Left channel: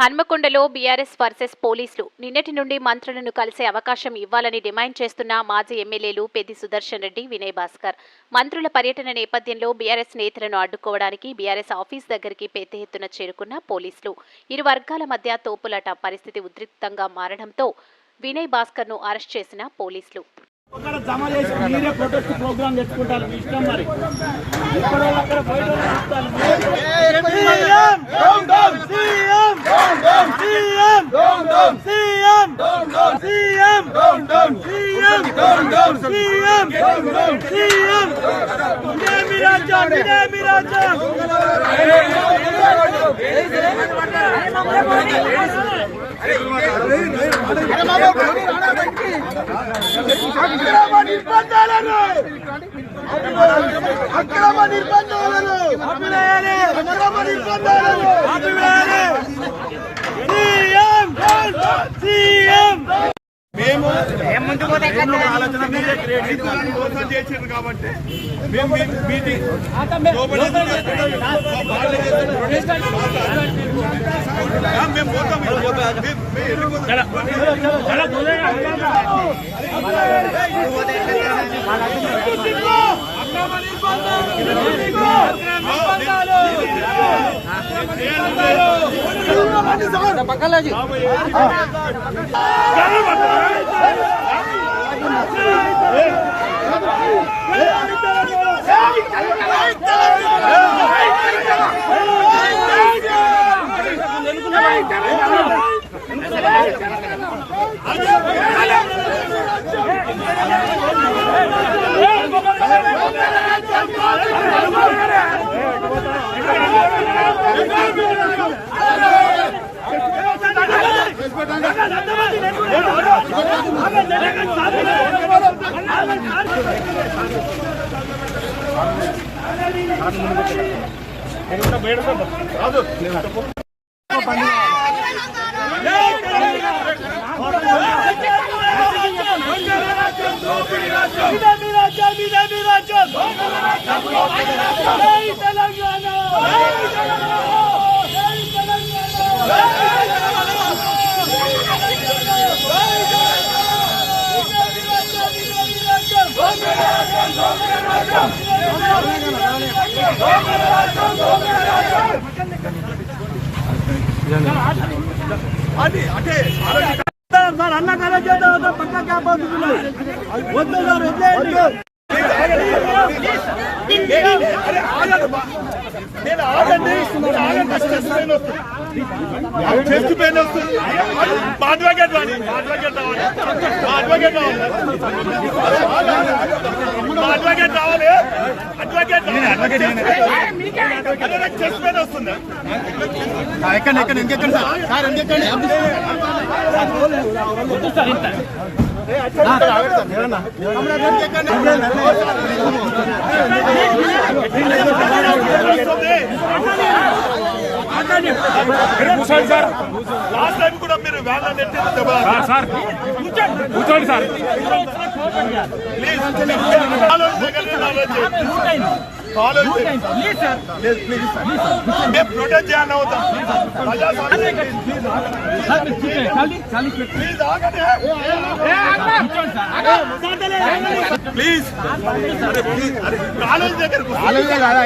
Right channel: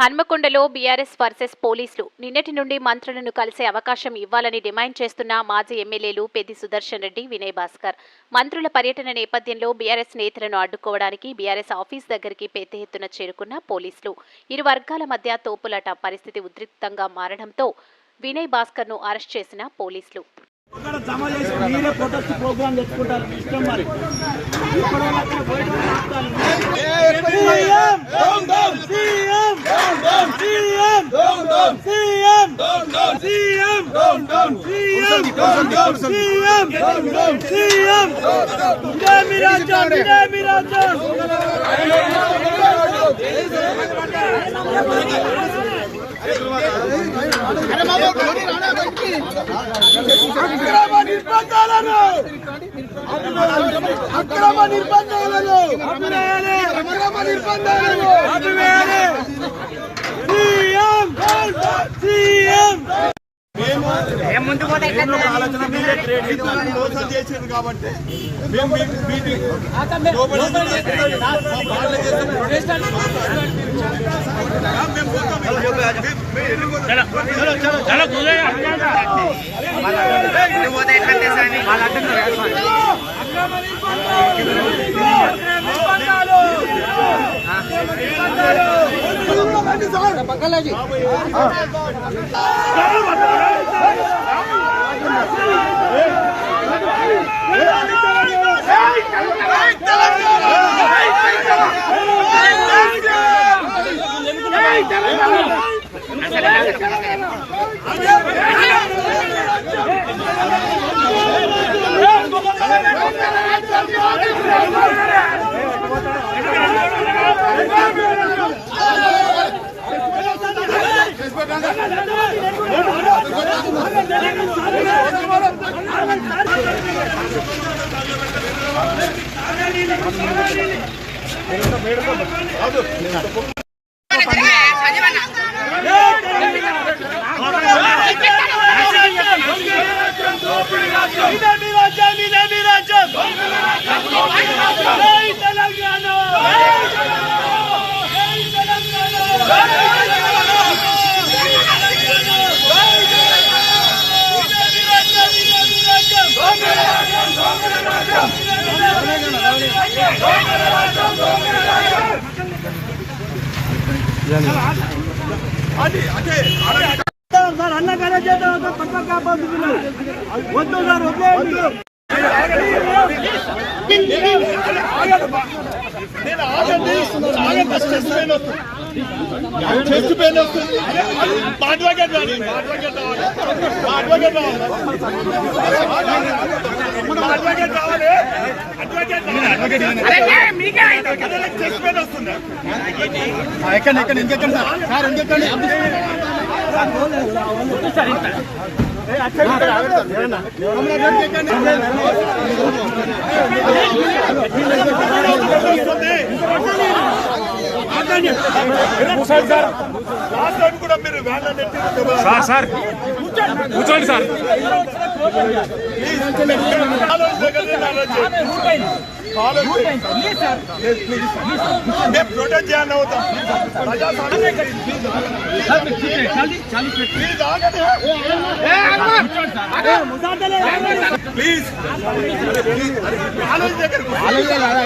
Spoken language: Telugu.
హన్మకొండలో బీఆర్ఎస్ వర్సెస్ పోలీసులు నిన్నటి నుండి మంత్రులను కలిసే అవకాశం ఇవ్వాలని డిమాండ్ చేస్తున్న మాజీ ఎమ్మెల్యేలు పెద్ది సుదర్శన్ రెడ్డి వినయ్ భాస్కర్. మంత్రుల పర్యటన నేపథ్యంలో బీఆర్ఎస్ నేతలను అడ్డుకోవడానికి బీఆర్ఎస్ ఆఫీస్ దగ్గరికి పెద్ద ఎత్తున చేరుకున్న పోలీసులు. ఇరు వర్గాల మధ్య తోపులాట పరిస్థితి ఉద్రిక్తంగా మారడంతో వినయ్ భాస్కర్ను అరెస్ట్ చేసిన పోలీసులు. అక్కడ జమ చేసి మీరే ప్రొటెస్ట్ ప్రోగ్రామ్ తెచ్చుకుంటారు ఇష్టం మరి. అక్రమ నిర్బంధాలను అక్రమ నిర్బంధాలను అక్రమ నిర్బంధాలను మోసం చేసారు కాబట్టి మేము మీ- మీటింగ్ ఎందుకు రాజ్యం మా రాజ్యం ఇదే రాజ్యం సార్ అన్న కథ చేద్దాం పక్క కాపాడుతున్నారు. వద్దు సార్ వద్దు. నేను ఆగండి నేను ఆగండి ఫస్ట్ చెస్ట్ పెయిన్ వస్తుంది చెస్ట్ పెయిన్ వస్తుంది మా అడ్వకేట్ రాని మా అడ్వకేట్ రావాలి మా అడ్వకేట్ రావాలి మా అడ్వకేట్ రావాలి అడ్వకేట్ అడ్వకేట్ చెస్ట్ పెయిన్ వస్తుంది ఎక్కడ ఎక్కడ ఇంకెక్కడ సార్ ఇంకెక్కడ లాస్ట్ టైం కూడా మీరు వ్యాన్ సార్ కూర్చోండి సార్ మేము ప్రొటెక్ట్ చేయాలని అవుతాం ప్లీజ్ ఆగండి ప్లీజ్ అరే